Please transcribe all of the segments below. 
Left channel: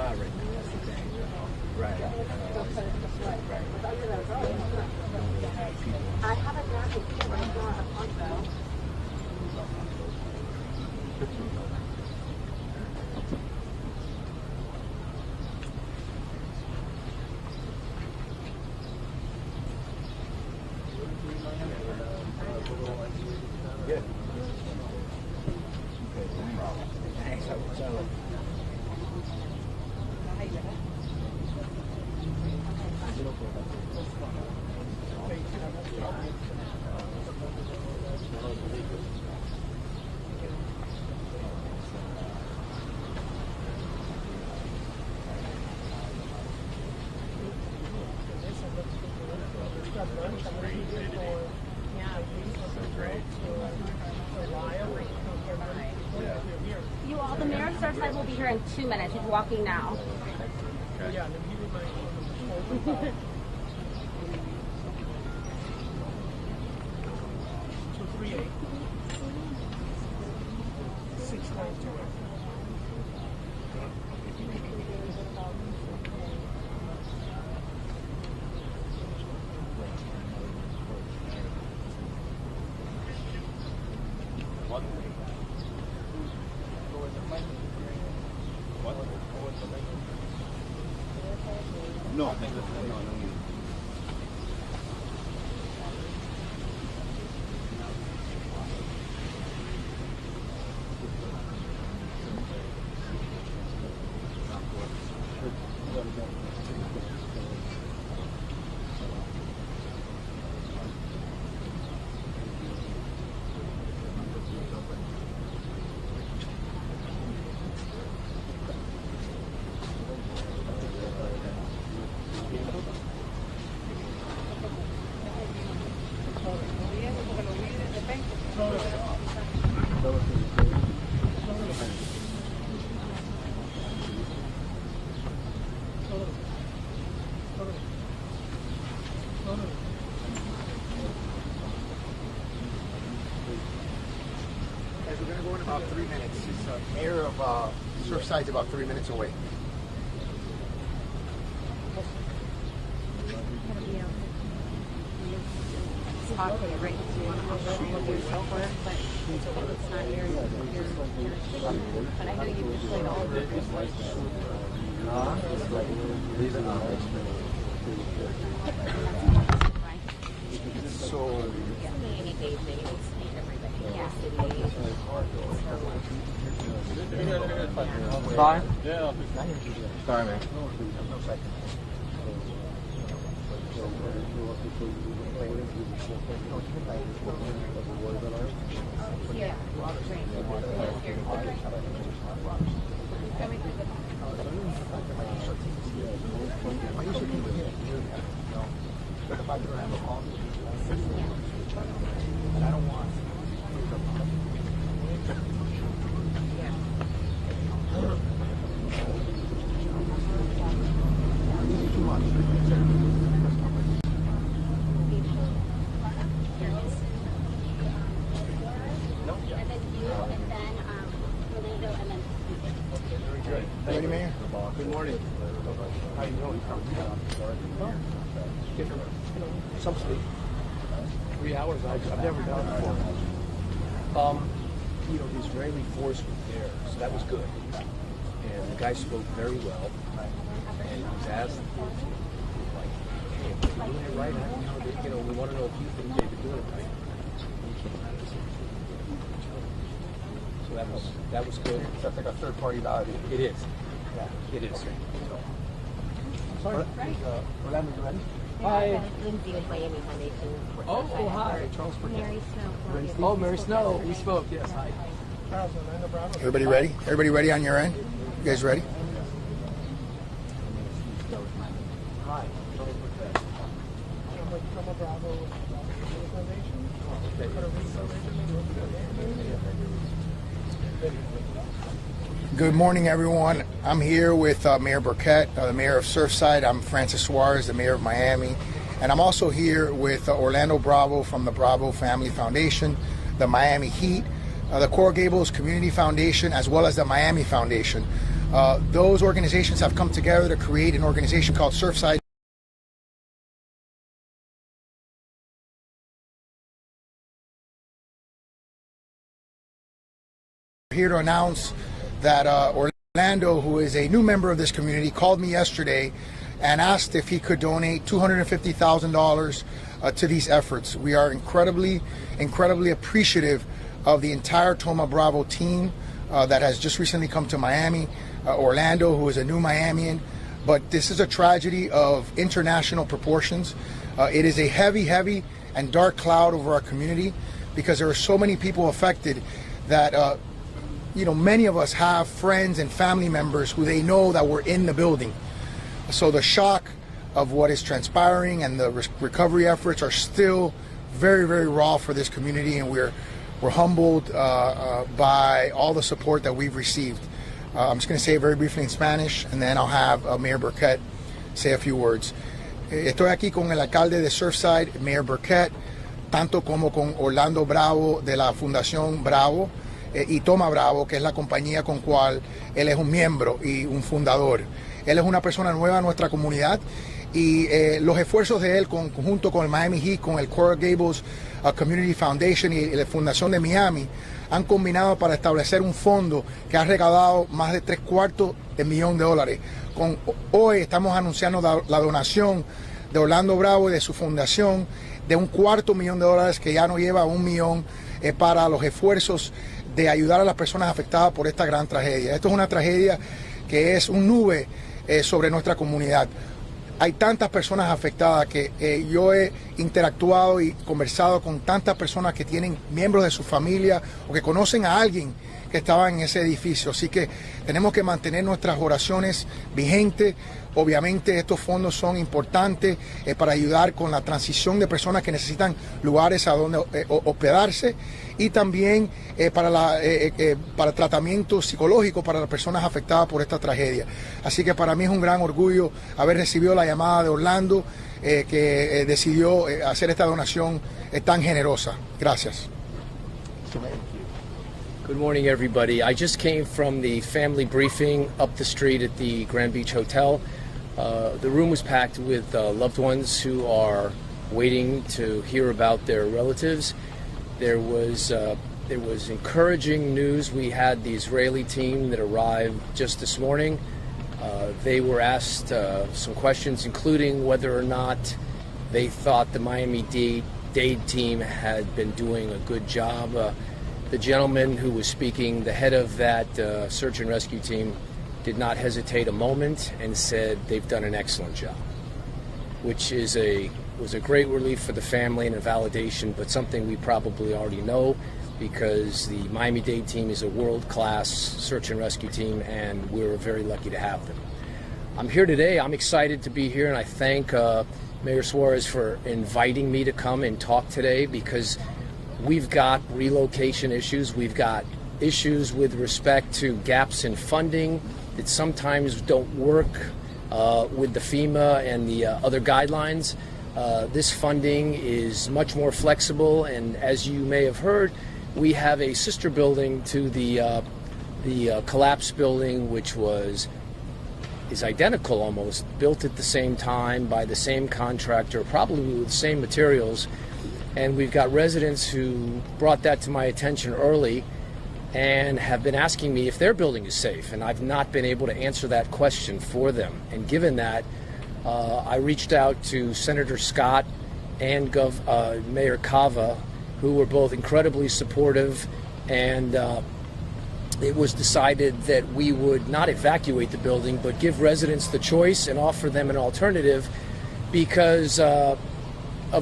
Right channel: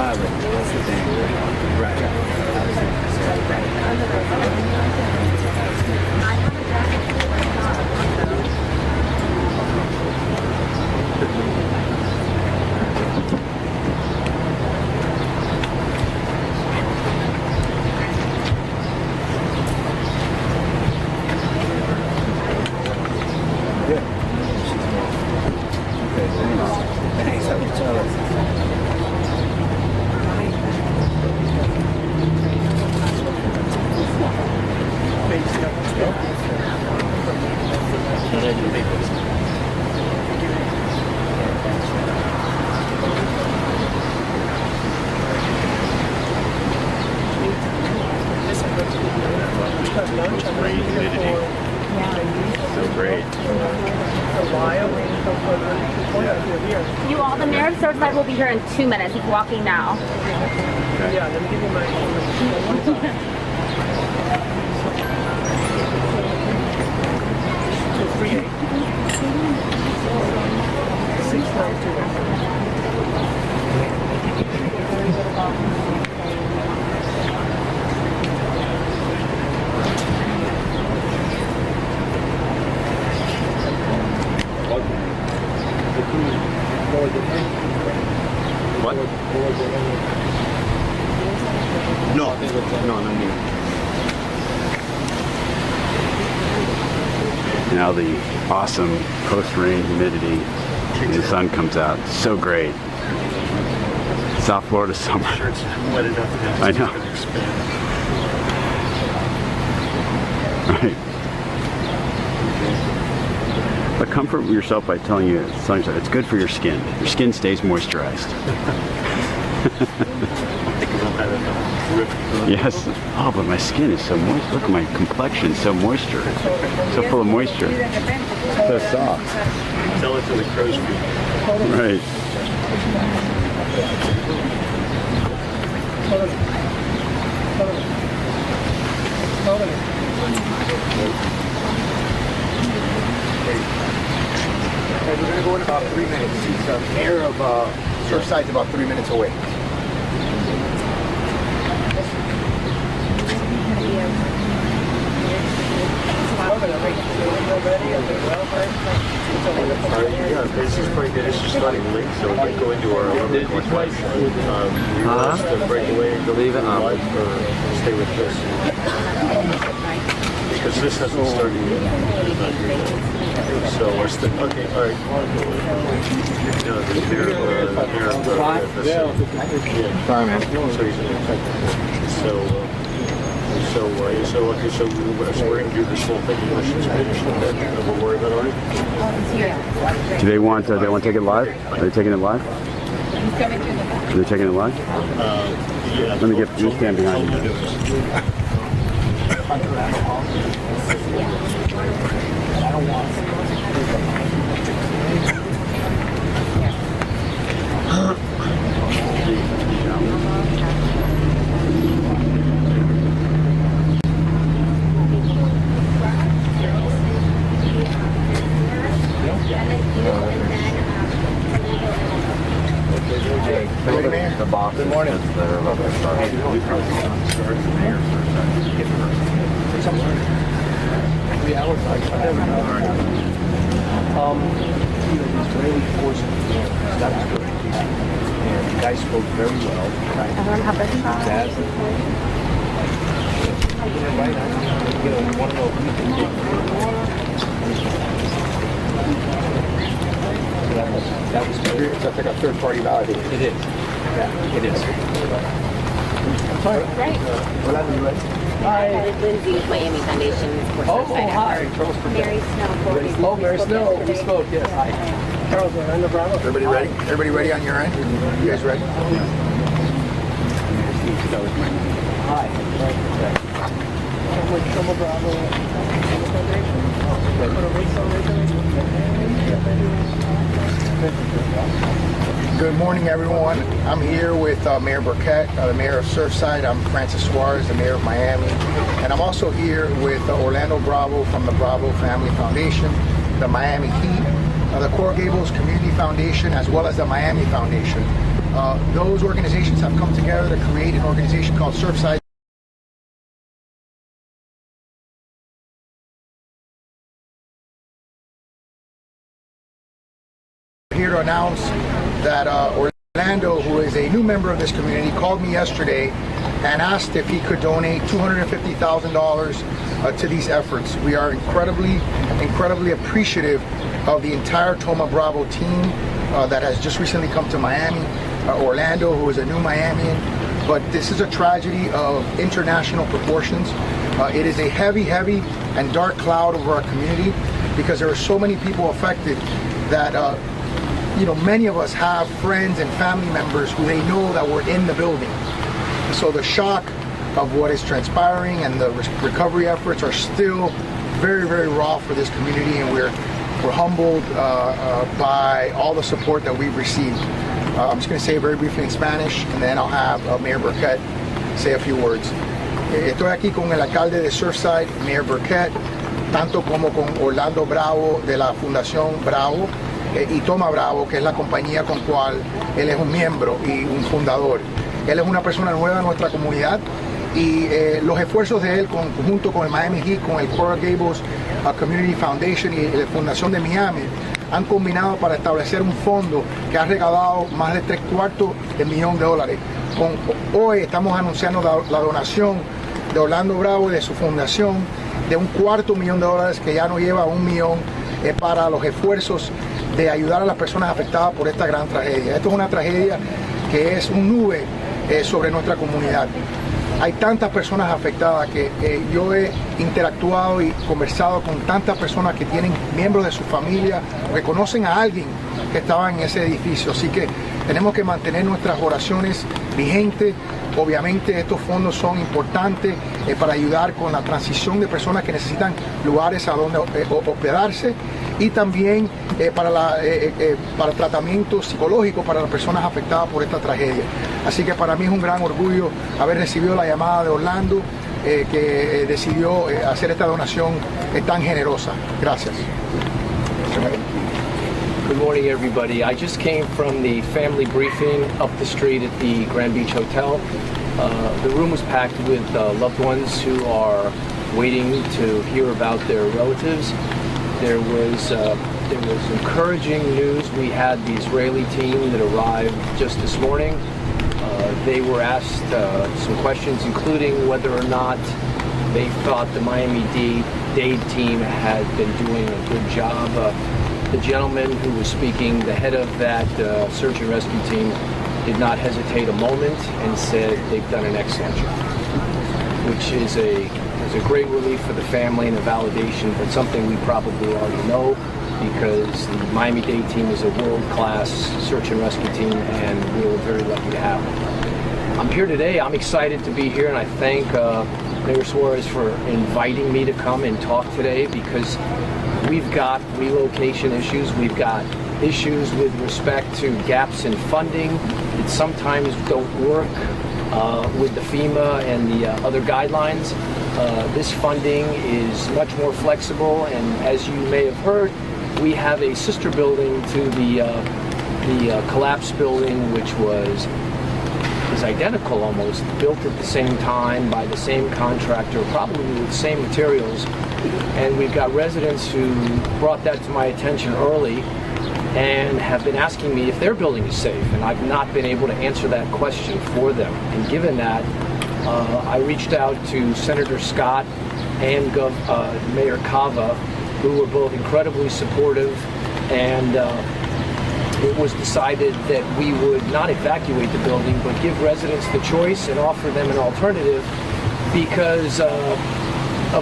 That's the thing. Right. You all, the mayor of Surfside will be here in 2 minutes. He's walking now. Okay. Yeah, let me give you my 238 What? No, no need. Now the awesome post-rain humidity and the sun comes out. It's so great. South Florida summer. Sure it's wet enough. I know. Right. But comfort yourself by telling you it's good for your skin. Your skin stays moisturized. Yes. Oh, but my skin is so moist. Look at my complexion, so moisture. So full of moisture. So soft. Tell it to the crow's feet. Right. We're going to go in about 3 minutes. The mayor of Surfside's about 3 minutes away. Yeah, this is probably good. This is starting late, so we can go into our request. Break away and go leave it on, or stay with this. Because this hasn't started yet. So we're still okay. All right. Sorry, man. So we're going to do this whole thing. And we'll worry about it. Do they want to take it live? Are they taking it live? Are they taking it live? Yeah. Let me get you stand behind you. Good morning. That was good. And you guys spoke very well. Everyone have their shot. That was that's like a third-party validation. It is. Yeah, it is. Great. Rolando, you ready? Hi. Lindsay with Miami Foundation. Oh, hi. Charles Mary Snow. Oh, Mary Snow. We spoke, yes. Hi. Charles, Orlando Bravo. Everybody ready? Everybody ready on your end? You guys ready? Hi. Trouble Bravo. Good morning, everyone. I'm here with Mayor Burkett, the mayor of Surfside. I'm Francis Suarez, the mayor of Miami. And I'm also here with Orlando Bravo from the Bravo Family Foundation, the Miami Heat, the Coral Gables Community Foundation, as well as the Miami Foundation. Those organizations have come together to create an organization called Surfside. Here to announce that Orlando, who is a new member of this community, called me yesterday and asked if he could donate $250,000 to these efforts. We are incredibly appreciative of the entire Toma Bravo team that has just recently come to Miami. Orlando, who is a new Miamian, but this is a tragedy of international proportions. It is a heavy and dark cloud over our community because there are so many people affected that many of us have friends and family members who they know that were in the building. So the shock of what is transpiring and the recovery efforts are still very raw for this community, and we're humbled by all the support that we've received. I'm just going to say it very briefly in Spanish, and then I'll have Mayor Burkett say a few words. Estoy aquí con el alcalde de Surfside, Mayor Burkett, tanto como con Orlando Bravo de la Fundación Bravo y Toma Bravo, que es la compañía con cual él es un miembro y un fundador. Él es una persona nueva en nuestra comunidad y los esfuerzos de él junto con el Miami Heat, con el Coral Gables Community Foundation y la Fundación de Miami han combinado para establecer un fondo que ha recaudado más de $750,000. Hoy estamos anunciando la donación de Orlando Bravo y de su fundación de $250,000 que ya nos lleva a $1 millón para los esfuerzos de ayudar a las personas afectadas por esta gran tragedia. Esto es una tragedia que es un nube sobre nuestra comunidad. Hay tantas personas afectadas que yo he interactuado y conversado con tantas personas que tienen miembros de su familia o que conocen a alguien que estaba en ese edificio. Así que tenemos que mantener nuestras oraciones vigentes. Obviamente estos fondos son importantes para ayudar con la transición de personas que necesitan lugares a donde hospedarse y también para tratamiento psicológico para las personas afectadas por esta tragedia. Así que para mí es un gran orgullo haber recibido la llamada de Orlando que decidió hacer esta donación tan generosa. Gracias. Good morning, everybody. I just came from the family briefing up the street at the Grand Beach Hotel. The room was packed with loved ones who are waiting to hear about their relatives. There was encouraging news. We had the Israeli team that arrived just this morning. They were asked some questions, including whether or not they thought the Miami-Dade team had been doing a good job. The gentleman who was speaking, the head of that search and rescue team, did not hesitate a moment and said they've done an excellent job, which is a great relief for the family and a validation, but something we probably already know because the Miami-Dade team is a world-class search and rescue team, and we were very lucky to have them. I'm here today. I'm excited to be here, and I thank Mayor Suarez for inviting me to come and talk today because we've got relocation issues. We've got issues with respect to gaps in funding that sometimes don't work with the FEMA and the other guidelines. This funding is much more flexible, and as you may have heard, we have a sister building to the collapsed building, which is identical almost, built at the same time by the same contractor, probably with the same materials. And we've got residents who brought that to my attention early and have been asking me if their building is safe, and I've not been able to answer that question for them. And given that, I reached out to Senator Scott and Mayor Cava, who were both incredibly supportive, and it was decided that we would not evacuate the building, but give residents the choice and offer them an alternative because of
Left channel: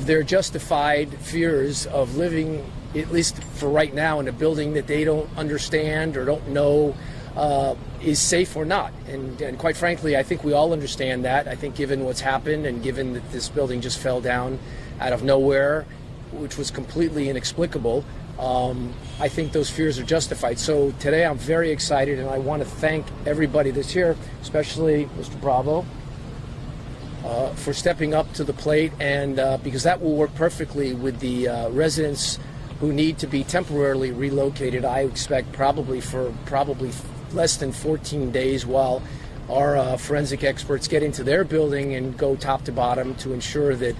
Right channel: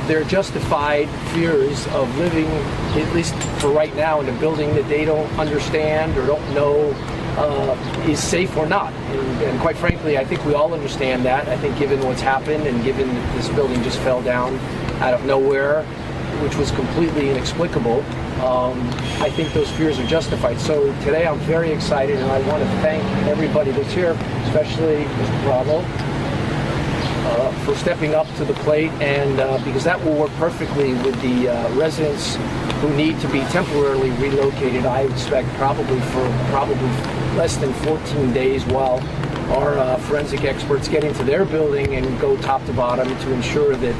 their justified fears of living, at least for right now, in a building that they don't understand or don't know is safe or not. And quite frankly, I think we all understand that. I think given what's happened and given that this building just fell down out of nowhere, which was completely inexplicable, I think those fears are justified. So today I'm very excited, and I want to thank everybody that's here, especially Mr. Bravo, for stepping up to the plate, and because that will work perfectly with the residents who need to be temporarily relocated. I expect probably less than 14 days while our forensic experts get into their building and go top to bottom to ensure that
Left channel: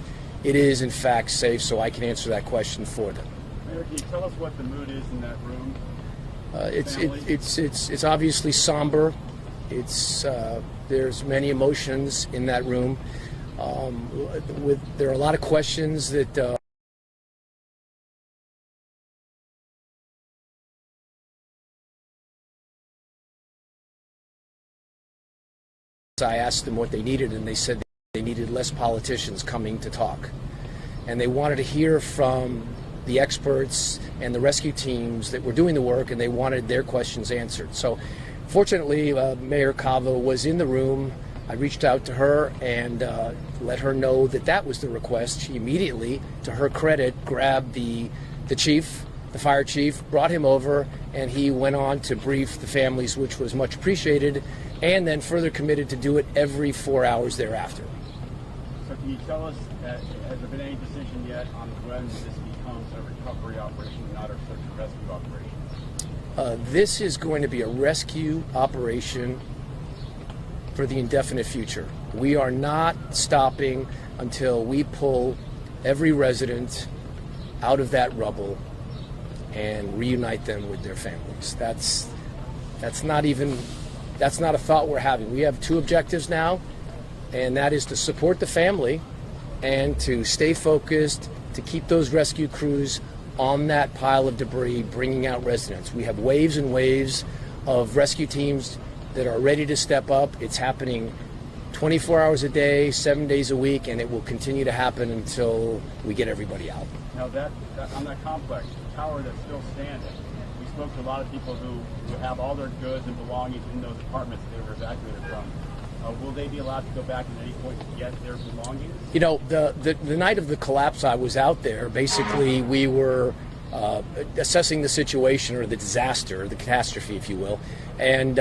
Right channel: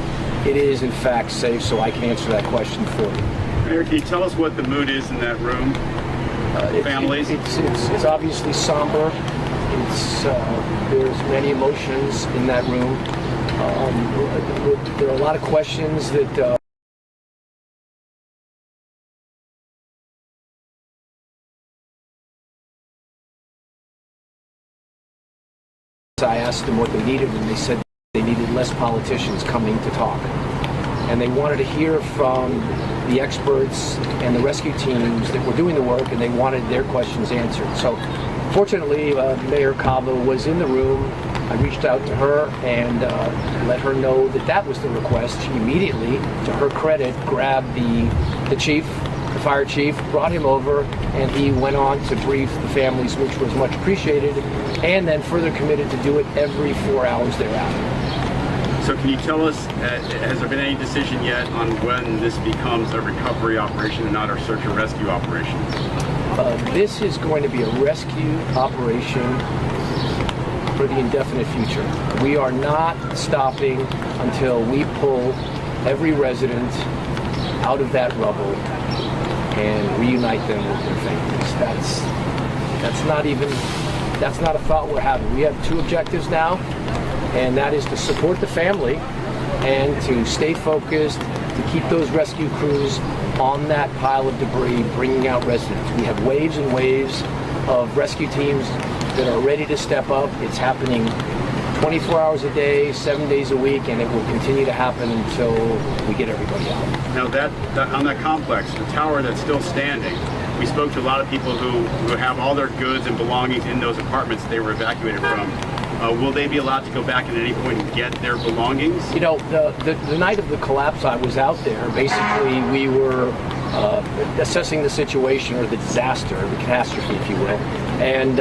it is in fact safe, so I can answer that question for you. Mayor, can you tell us what the mood is in that room? Families? It's obviously somber. There's many emotions in that room. There are a lot of questions that I asked them what they needed, and they said they needed less politicians coming to talk. And they wanted to hear from the experts and the rescue teams that were doing the work, and they wanted their questions answered. So fortunately, Mayor Cava was in the room. I reached out to her and let her know that that was the request. She immediately, to her credit, grabbed the chief, the fire chief, brought him over, and he went on to brief the families, which was much appreciated, and then further committed to do it every 4 hours thereafter. So can you tell us, has there been any decision yet on when this becomes a recovery operation and not a search and rescue operation? This is going to be a rescue operation for the indefinite future. We are not stopping until we pull every resident out of that rubble and reunite them with their families. That's not a thought we're having. We have two objectives now, and that is to support the family and to stay focused, to keep those rescue crews on that pile of debris, bringing out residents. We have waves and waves of rescue teams that are ready to step up. It's happening 24 hours a day, 7 days a week, and it will continue to happen until we get everybody out. Now on that complex, the tower that's still standing, we spoke to a lot of people who have all their goods and belongings in those apartments they were evacuated from. Will they be allowed to go back at any point and get their belongings? You know, the night of the collapse, I was out there. Basically, we were assessing the situation, or the disaster, the catastrophe, if you will, and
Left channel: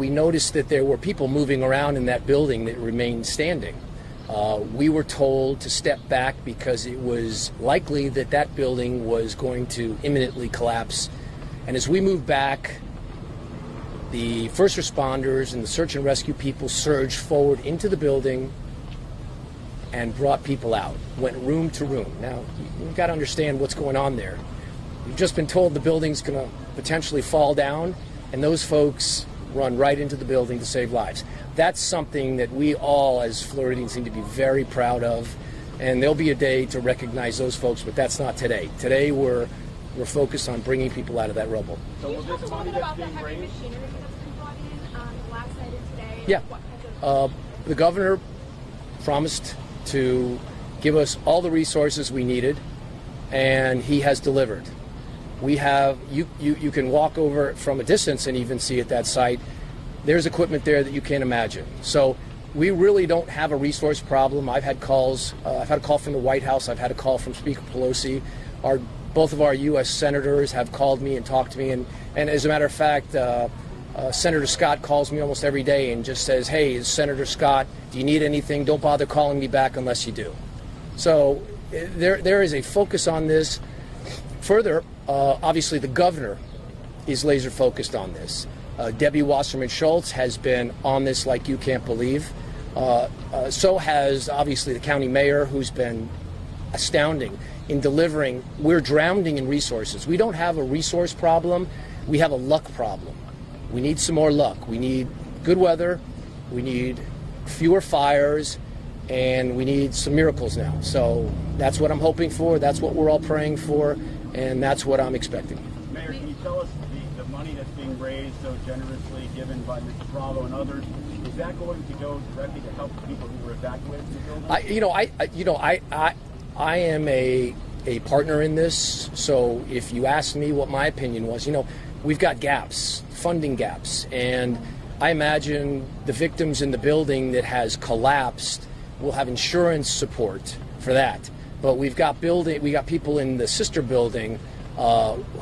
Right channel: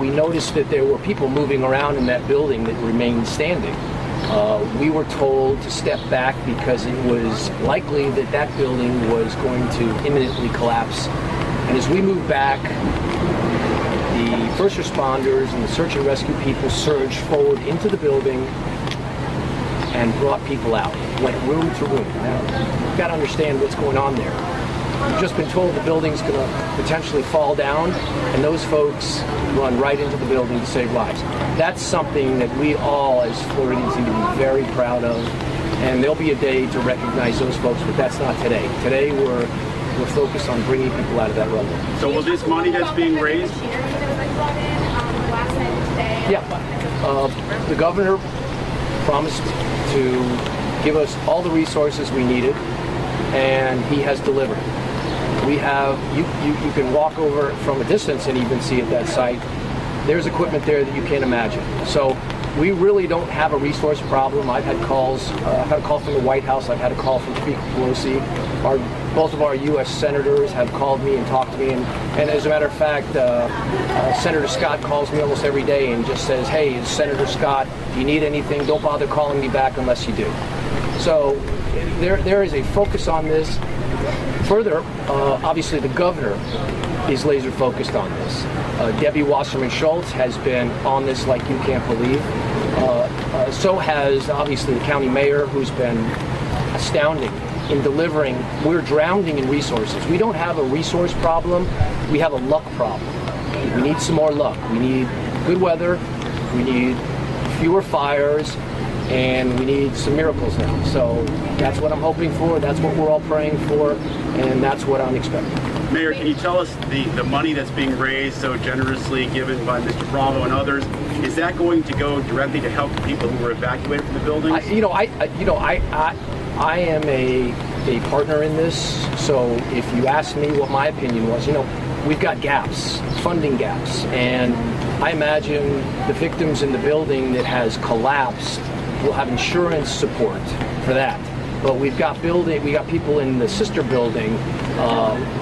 we noticed that there were people moving around in that building that remained standing. We were told to step back because it was likely that that building was going to imminently collapse. And as we moved back, the first responders and the search and rescue people surged forward into the building and brought people out, went room to room. Now, you've got to understand what's going on there. We've just been told the building's going to potentially fall down, and those folks run right into the building to save lives. That's something that we all, as Floridians, need to be very proud of, and there'll be a day to recognize those folks, but that's not today. Today, we're focused on bringing people out of that rubble. So will this money that's being raised? Yeah. The governor promised to give us all the resources we needed, and he has delivered. We have, you can walk over from a distance and even see at that site, there's equipment there that you can't imagine. So we really don't have a resource problem. I've had calls, I've had a call from the White House, I've had a call from Speaker Pelosi. Both of our U.S. senators have called me and talked to me, and as a matter of fact, Senator Scott calls me almost every day and just says, hey, it's Senator Scott, if you need anything, don't bother calling me back unless you do. So there is a focus on this. Further, obviously the governor is laser focused on this. Debbie Wasserman Schultz has been on this like you can't believe. So has obviously the county mayor, who's been astounding in delivering. We're drowning in resources. We don't have a resource problem, we have a luck problem. We need some more luck. We need good weather, we need fewer fires, and we need some miracles now. So that's what I'm hoping for, that's what we're all praying for, and that's what I'm expecting. Mayor, can you tell us the money that's being raised so generously given by Mr. Bravo and others, is that going to go directly to help the people who were evacuated from the buildings? I am a partner in this, so if you ask me what my opinion was, we've got gaps, funding gaps, and I imagine the victims in the building that has collapsed will have insurance support for that. But we got people in the sister building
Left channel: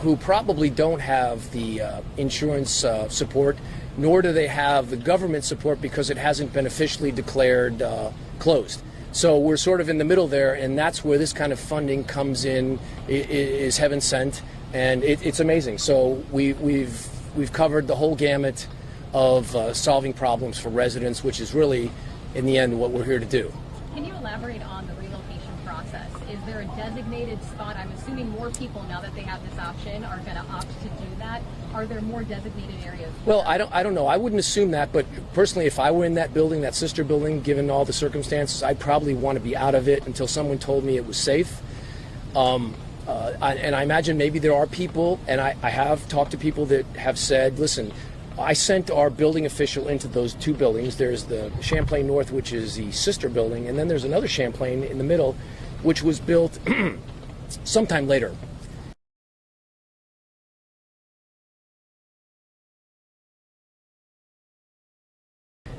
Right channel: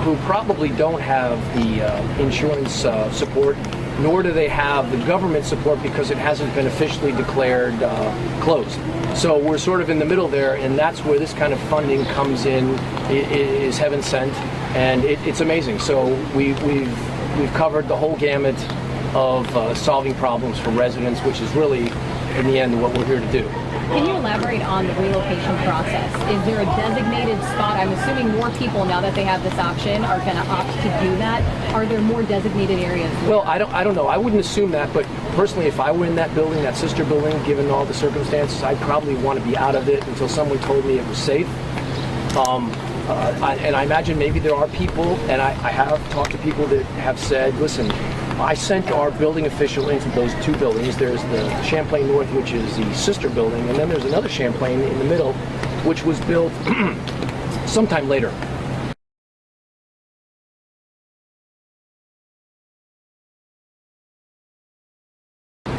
who probably don't have the insurance support, nor do they have the government support because it hasn't been officially declared closed. So we're sort of in the middle there, and that's where this kind of funding comes in, is heaven sent, and it's amazing. So we've covered the whole gamut of solving problems for residents, which is really, in the end, what we're here to do. Can you elaborate on the relocation process? Is there a designated spot? I'm assuming more people, now that they have this option, are going to opt to do that. Are there more designated areas? Well, I don't know. I wouldn't assume that, but personally, if I were in that building, that sister building, given all the circumstances, I'd probably want to be out of it until someone told me it was safe. And I imagine maybe there are people, and I have talked to people that have said, listen, I sent our building official into those two buildings. There's the Champlain North, which is the sister building, and then there's another Champlain in the middle, which was built sometime later.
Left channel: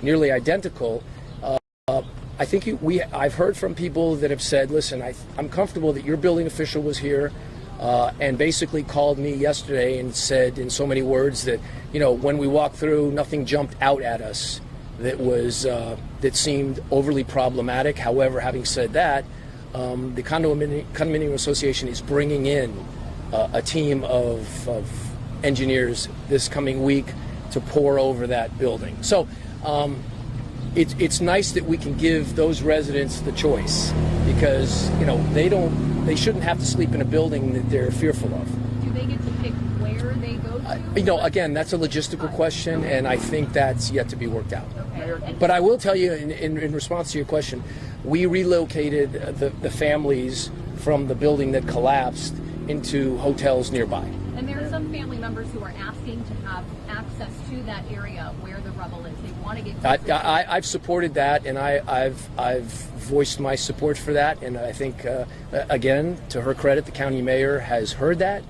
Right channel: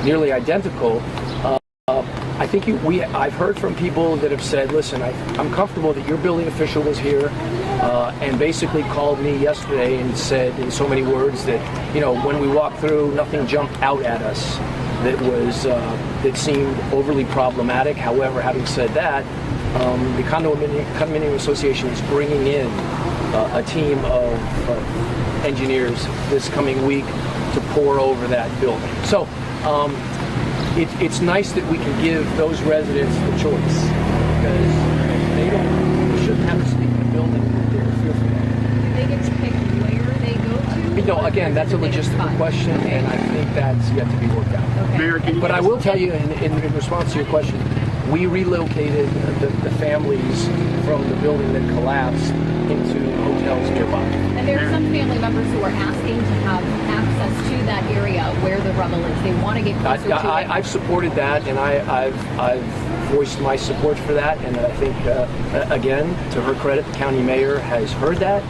Nearly identical. I think I've heard from people that have said, listen, I'm comfortable that your building official was here and basically called me yesterday and said in so many words that, you know, when we walked through, nothing jumped out at us that seemed overly problematic. However, having said that, the condominium association is bringing in a team of engineers this coming week to pour over that building. So it's nice that we can give those residents the choice, because they shouldn't have to sleep in a building that they're fearful of. Do they get to pick where they go to? Again, that's a logistical question, and I think that's yet to be worked out. Okay. Mayor, can you But I will tell you, in response to your question, we relocated the families from the building that collapsed into hotels nearby. And there are some family members who are asking to have access to that area where the rubble is. They want to get closer to it. I've supported that, and I've voiced my support for that, and I think, again, to her credit, the county mayor has heard that,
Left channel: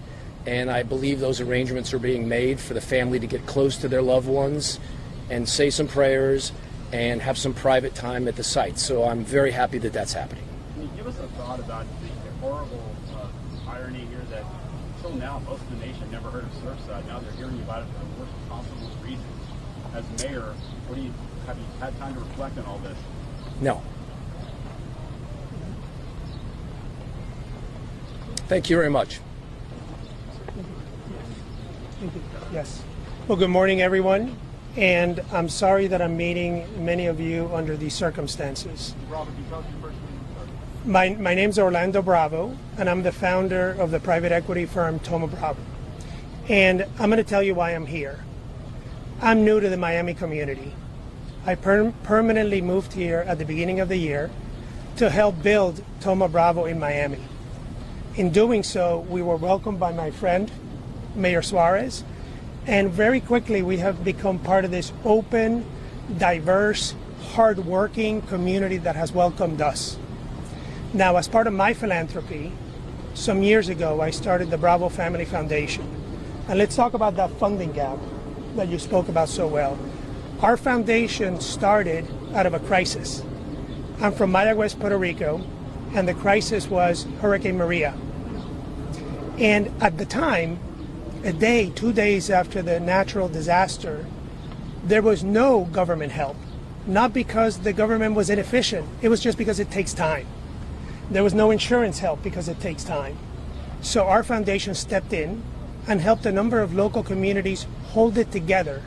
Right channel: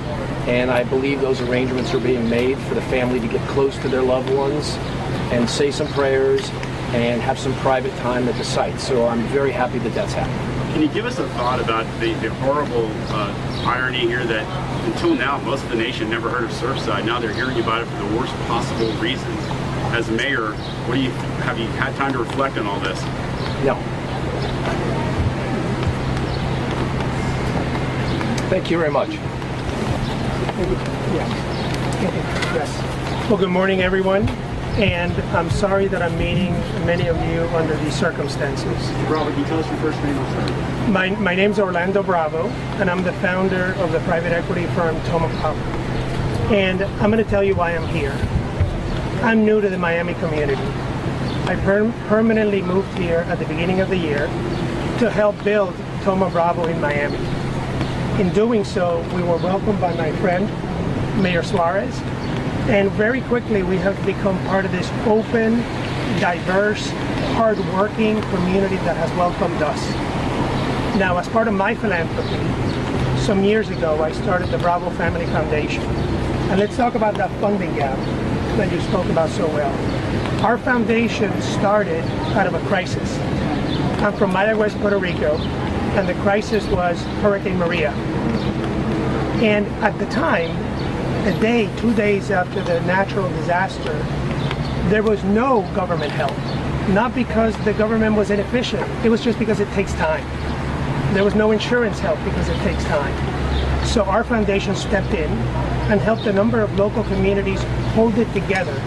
and I believe those arrangements are being made for the family to get close to their loved ones and say some prayers and have some private time at the site. So I'm very happy that that's happening. Can you give us a thought about the horrible irony here that until now most of the nation never heard of Surfside? Now they're hearing about it for the worst possible reasons. As mayor, have you had time to reflect on all this? No. Thank you very much. Yes. Well, good morning, everyone. And I'm sorry that I'm meeting many of you under these circumstances. Robert, can you tell us your first name? I'm sorry. My name's Orlando Bravo, and I'm the founder of the private equity firm Thoma Bravo. And I'm going to tell you why I'm here. I'm new to the Miami community. I permanently moved here at the beginning of the year to help build Thoma Bravo in Miami. In doing so, we were welcomed by my friend, Mayor Suarez, and very quickly we have become part of this open, diverse, hard-working community that has welcomed us. Now, as part of my philanthropy, some years ago I started the Bravo Family Foundation. And let's talk about that funding gap that you spoke about so well. Our foundation started out of a crisis. I'm from Maya West, Puerto Rico, and the crisis was Hurricane Maria. And at the time, a day, 2 days after the natural disaster, there was no government help. Not because the government was inefficient, it was just because it takes time. There was no insurance help because it takes time. So our foundation stepped in and helped a number of local communities hold it together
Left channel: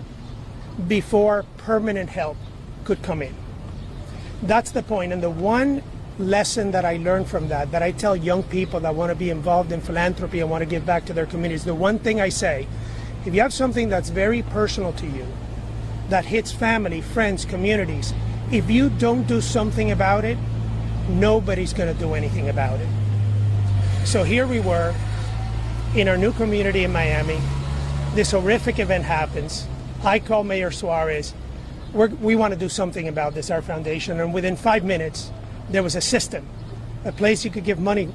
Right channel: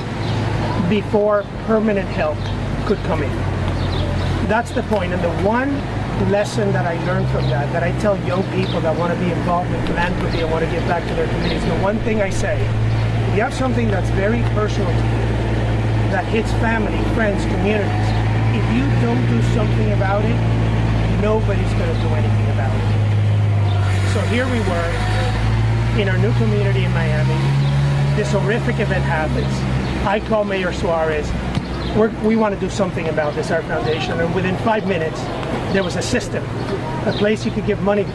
before permanent help could come in. That's the point. And the one lesson that I learned from that I tell young people that want to be involved in philanthropy and want to give back to their communities, the one thing I say, if you have something that's very personal to you, that hits family, friends, communities, if you don't do something about it, nobody's going to do anything about it. So here we were in our new community in Miami. This horrific event happens. I call Mayor Suarez. We want to do something about this, our foundation, and within 5 minutes, there was a system, a place you could give money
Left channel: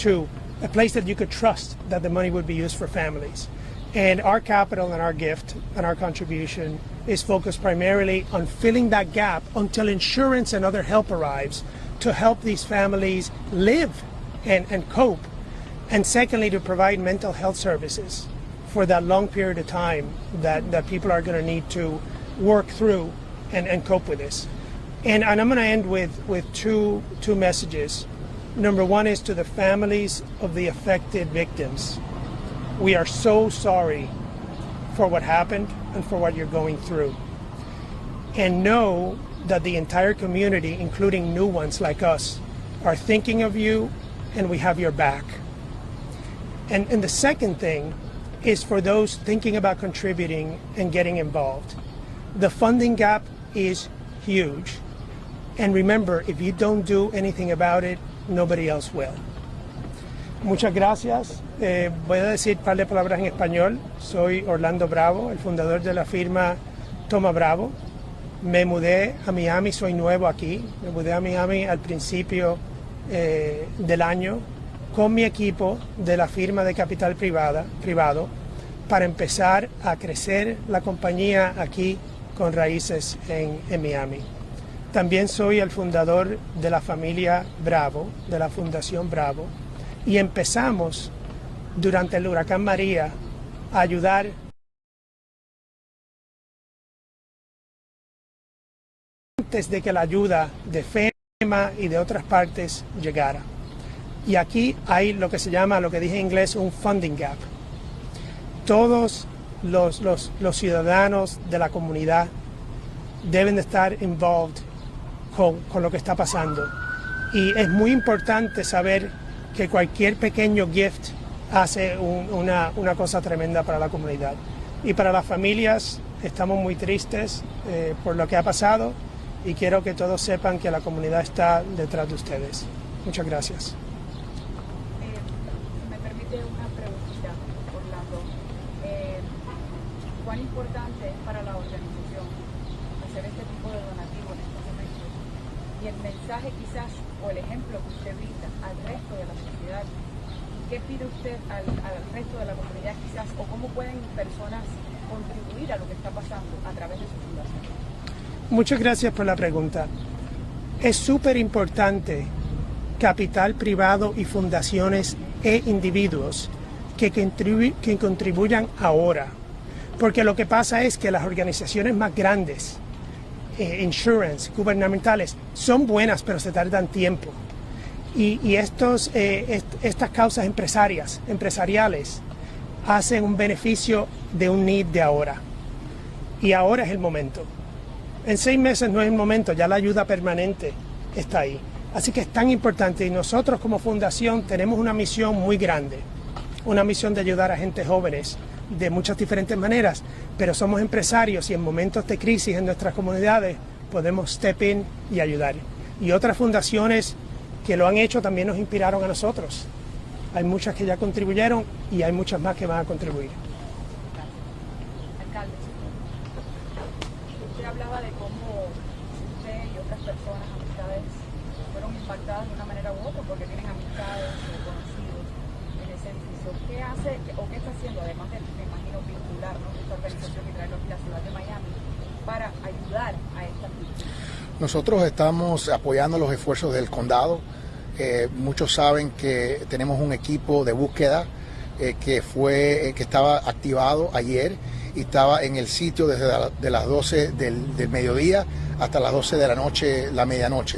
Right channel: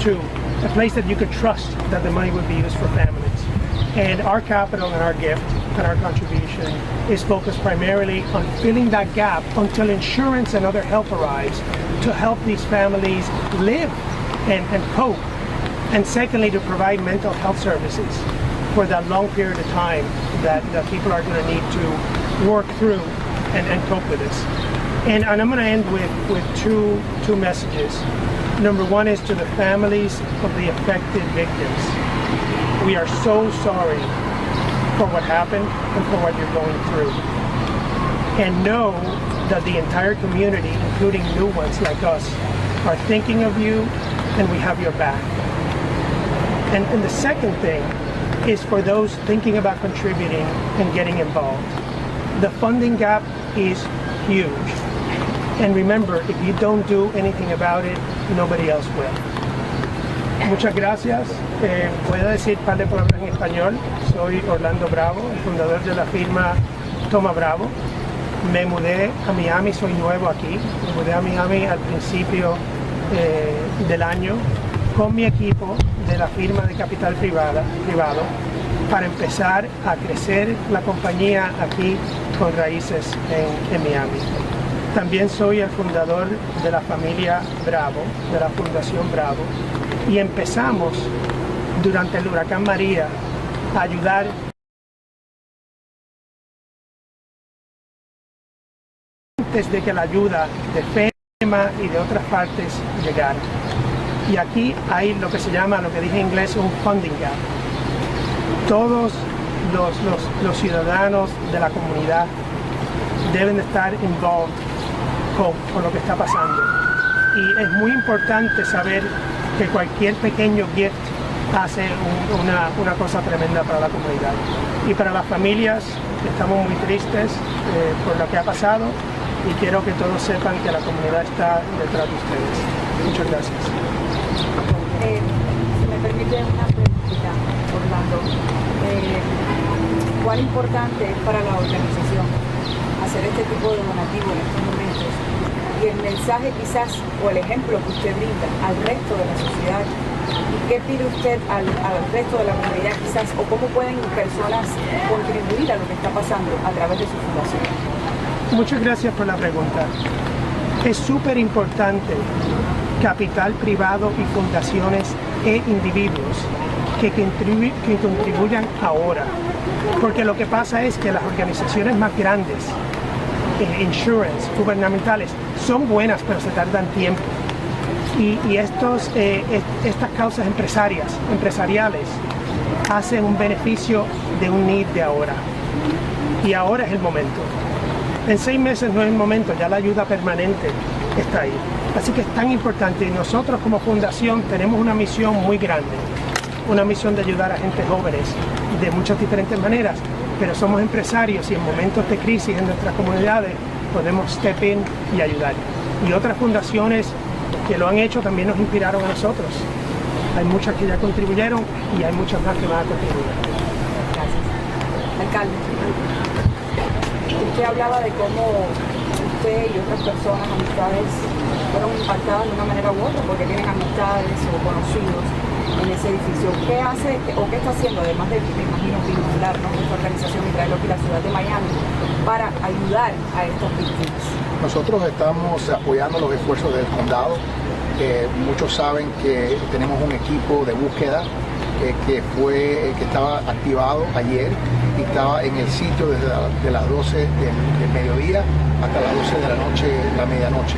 to, a place that you could trust that the money would be used for families. And our capital and our gift and our contribution is focused primarily on filling that gap until insurance and other help arrives to help these families live and cope. And secondly, to provide mental health services for that long period of time that people are going to need to work through and cope with this. And I'm going to end with two messages. Number one is to the families of the affected victims. We are so sorry for what happened and for what you're going through. And know that the entire community, including new ones like us, are thinking of you and we have your back. And the second thing is for those thinking about contributing and getting involved. The funding gap is huge. And remember, if you don't do anything about it, nobody else will. Muchas gracias. Voy a decir un par de palabras en español. Soy Orlando Bravo, el fundador de la firma Thoma Bravo. Me mudé a Miami, soy nuevo aquí. Me mudé a Miami al principio del año con mi equipo de la firma de capital privado para empezar a crecer la compañía aquí con raíces en Miami. También soy el fundador de la familia Bravo, de la Fundación Bravo, y empezamos durante el huracán María a ayudar antes de que la ayuda de FEMA y de otras partes llegara. Y aquí hay lo que se llama, lo que dije en inglés, un funding gap. Todos los ciudadanos de la comunidad deben de estar involved con lo que está pasando. Y es muy importante saber que cualquier pequeño gift hace una cosa tremenda para la comunidad. Y para las familias, estamos muy tristes por lo que ha pasado y quiero que todos sepan que la comunidad está detrás de ustedes. Muchas gracias. Si me permite una preguntita, Orlando. ¿Cuán importante es para la organización hacer este tipo de donativo en estos momentos? Y el mensaje quizás, o el ejemplo que usted brinda al resto de la sociedad, ¿y qué pide usted al resto de la comunidad quizás, o cómo pueden personas contribuir a lo que está pasando a través de su fundación? Muchas gracias por la pregunta. Es súper importante capital privado y fundaciones e individuos que contribuyan ahora, porque lo que pasa es que las organizaciones más grandes, insurance, gubernamentales, son buenas pero se tardan tiempo y estas causas empresariales hacen un beneficio de un need de ahora y ahora es el momento. En 6 meses no es el momento, ya la ayuda permanente está ahí. Así que es tan importante y nosotros como fundación tenemos una misión muy grande, una misión de ayudar a gente jóvenes de muchas diferentes maneras, pero somos empresarios y en momentos de crisis en nuestras comunidades podemos step in y ayudar. Y otras fundaciones que lo han hecho también nos inspiraron a nosotros. Hay muchas que ya contribuyeron y hay muchas más que van a contribuir. Gracias. Alcalde, usted hablaba de cómo usted y otras personas, amistades, fueron impactadas de una manera u otra porque tienen amistades o conocidos en ese edificio. ¿Qué hace o qué está haciendo, además de, me imagino, vincular nuestra organización y traerlo aquí a la ciudad de Miami para ayudar a estas víctimas? Nosotros estamos apoyando los esfuerzos del condado. Muchos saben que tenemos un equipo de búsqueda que estaba activado ayer y estaba en el sitio desde de las 12 del mediodía hasta las 12 de la noche, la medianoche.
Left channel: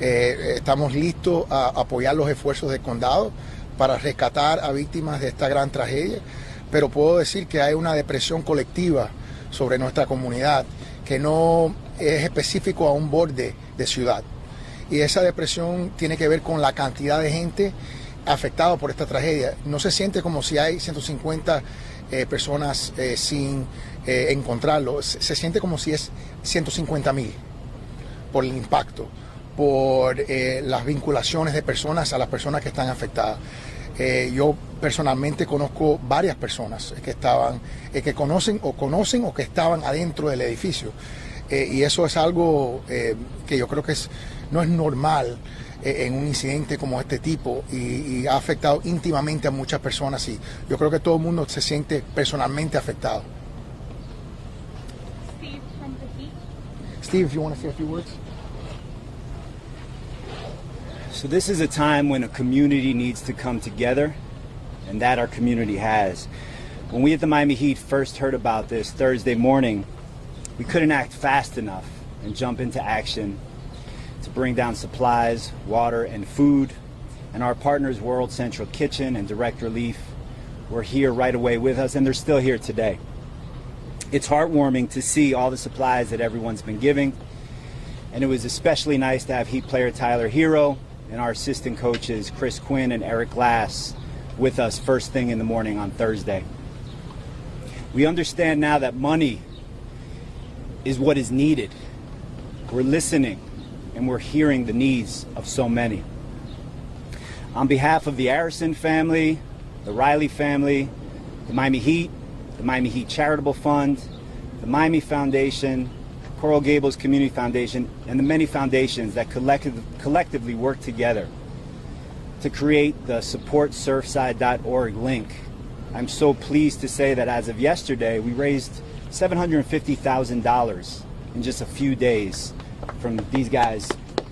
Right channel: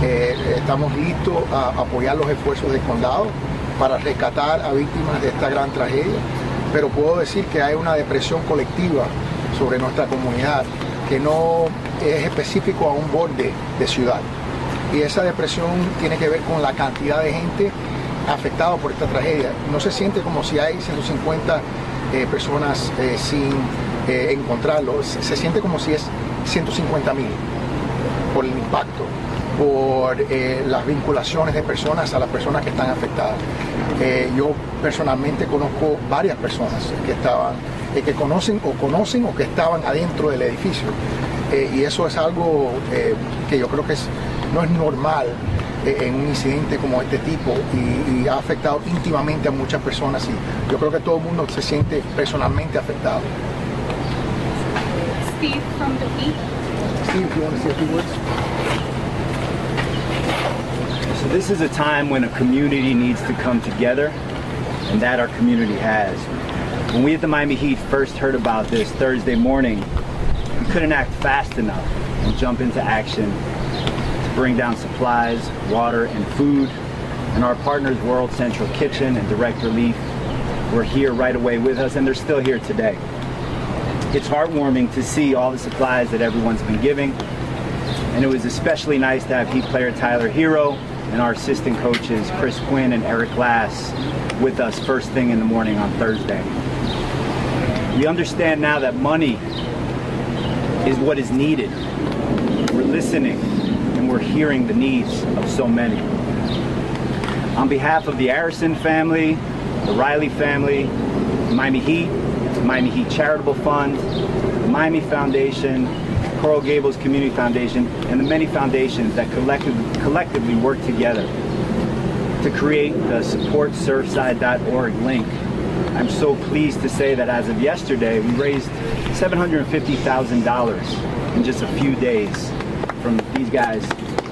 Estamos listos a apoyar los esfuerzos del condado para rescatar a víctimas de esta gran tragedia, pero puedo decir que hay una depresión colectiva sobre nuestra comunidad que no es específico a un borde de ciudad. Y esa depresión tiene que ver con la cantidad de gente afectada por esta tragedia. No se siente como si hay 150 personas sin encontrarlo. Se siente como si es 150,000 por el impacto, por las vinculaciones de personas a las personas que están afectadas. Yo personalmente conozco varias personas que estaban, que conocen o que estaban adentro del edificio. Y eso es algo que yo creo que no es normal en un incidente como este tipo y ha afectado íntimamente a muchas personas y yo creo que todo el mundo se siente personalmente afectado. Steve from the Beat. Steve, if you want to say a few words. So this is a time when a community needs to come together, and that our community has. When we at the Miami Heat first heard about this Thursday morning, we couldn't act fast enough and jump into action to bring down supplies, water, and food. And our partners, World Central Kitchen and Direct Relief, were here right away with us, and they're still here today. It's heartwarming to see all the supplies that everyone's been giving, and it was especially nice to have Heat player Tyler Hero and our assistant coaches Chris Quinn and Eric Glass with us first thing in the morning on Thursday. We understand now that money is what is needed. We're listening and we're hearing the needs of so many. On behalf of the Arison family, the Riley family, the Miami Heat, the Miami Heat Charitable Fund, the Miami Foundation, Coral Gables Community Foundation, and the many foundations that collectively work together to create the supportsurfside.org link, I'm so pleased to say that as of yesterday, we raised $750,000 in just a few days from these guys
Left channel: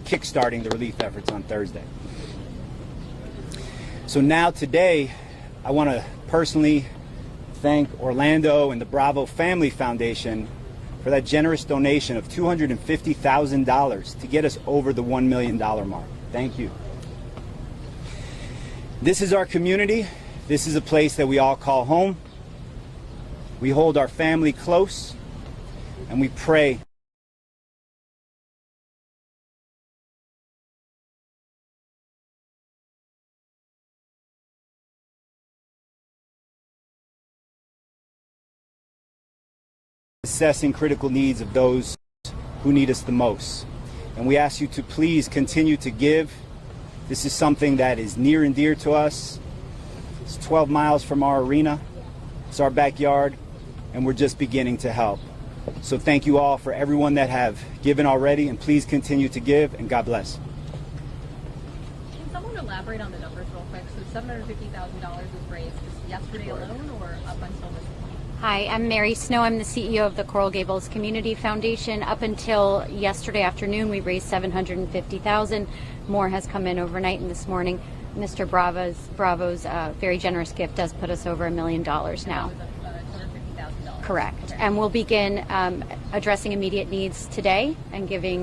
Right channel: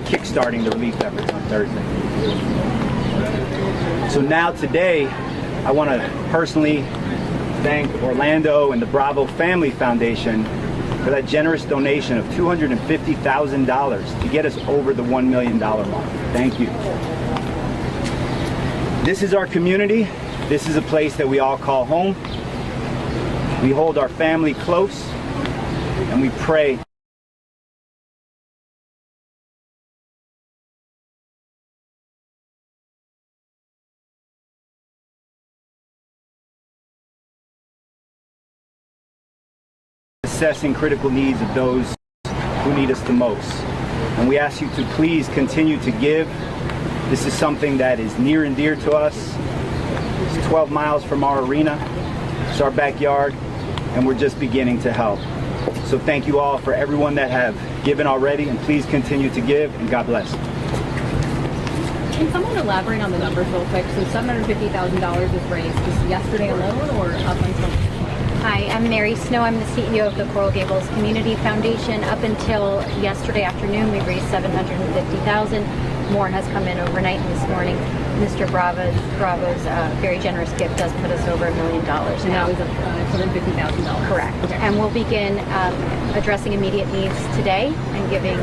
kickstarting the relief efforts on Thursday. So now today, I want to personally thank Orlando and the Bravo Family Foundation for that generous donation of $250,000 to get us over the $1 million mark. Thank you. This is our community. This is a place that we all call home. We hold our family close, and we pray. Assessing critical needs of those who need us the most. And we ask you to please continue to give. This is something that is near and dear to us. It's 12 miles from our arena. It's our backyard, and we're just beginning to help. So thank you all for everyone that have given already, and please continue to give, and God bless. Can someone elaborate on the numbers real quick? So $750,000 was raised just yesterday alone, or up until? Hi, I'm Mary Snow. I'm the CEO of the Coral Gables Community Foundation. Up until yesterday afternoon, we raised $750,000. More has come in overnight, and this morning, Mr. Bravo's very generous gift does put us over $1 million. And that was $250,000. Correct. Okay. And we'll begin addressing immediate needs today and giving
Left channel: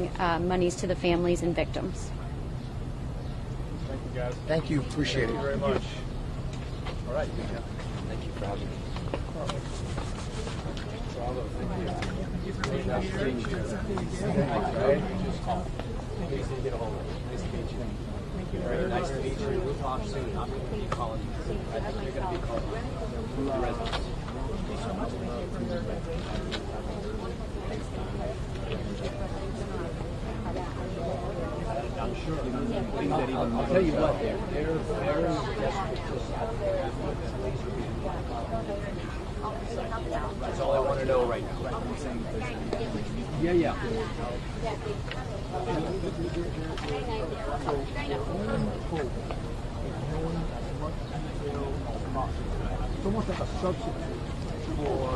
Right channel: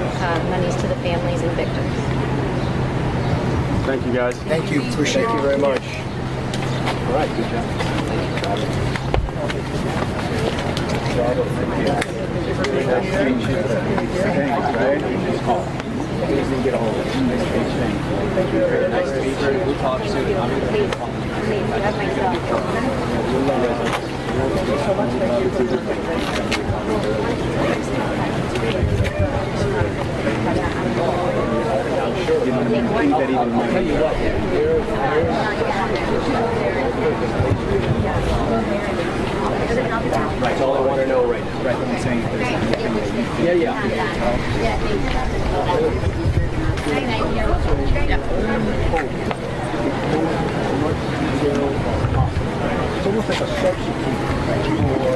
monies to the families and victims. Thank you, guys. Thank you. Appreciate it. Thank you very much. All right, good job. Right, all I want to know right now. Right, I'm saying if there's anything that you think. Yeah. It's almost like a substitute.